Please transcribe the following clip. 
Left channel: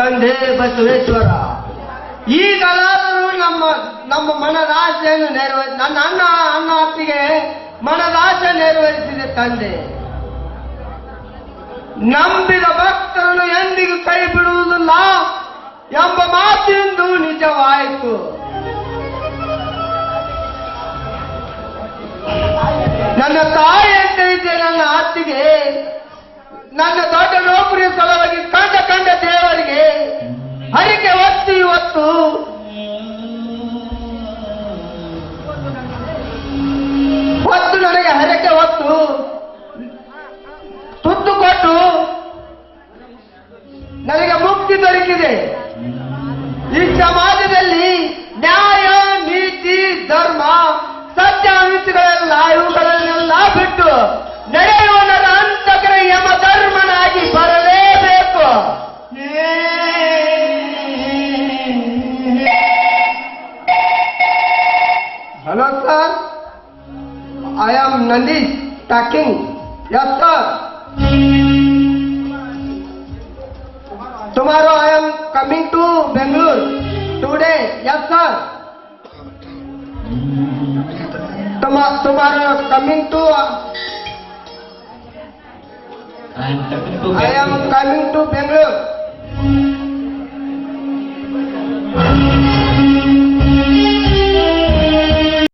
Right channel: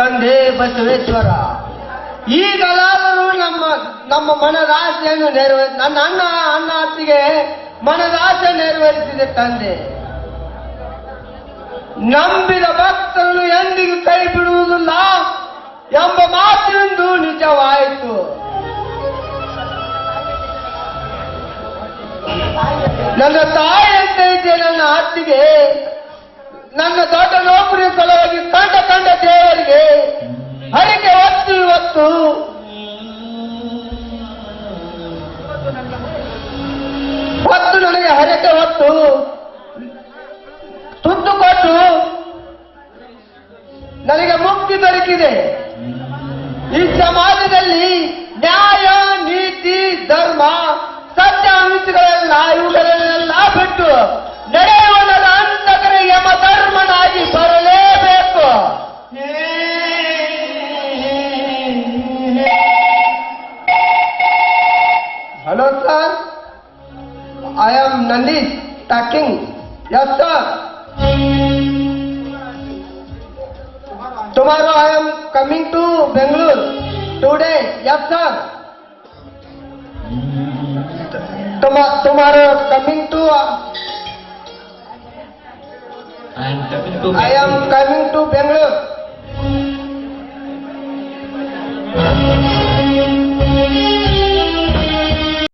ತಂದೆ ಬಸವೇಶ್ವರ. ಈಗಲಾದರೂ ನಮ್ಮ ನಮ್ಮ ಮನದಾಸೆಯನ್ನು ನೆರವೇರಿಸಿ ನನ್ನ ಅಣ್ಣ ಅಣ್ಣ ಅತ್ತಿಗೆ ಮನದಾಸೆ ನೆರವೇರಿಸಿದೆ ತಂದೆ. ನಂಬಿದ ಭಕ್ತರನ್ನು ಎಂದಿಗೂ ಕೈ ಬಿಡುವುದಿಲ್ಲ ಎಂಬ ಮಾತಿನಿಂದ ನಿಜವಾಯಿತು. ನನ್ನ ತಾಯಿ ಅಂತ ಇದ್ದೆ ನನ್ನ ಅತ್ತಿಗೆ ಇವತ್ತು ಒತ್ತು ನನಗೆ ಹರಕೆ ಒತ್ತು ತುತ್ತು ಕೊಟ್ಟು ನನಗೆ ಮುಕ್ತಿ ದೊರಕಿದೆ. ಈ ಸಮಾಜದಲ್ಲಿ Yes, sir. I am Nandish packing. Yes, sir. Tomorrow I am coming to Bangalore. Today, yes, sir. Tomorrow, tomorrow coming to. Uh, I am coming to Bangalore.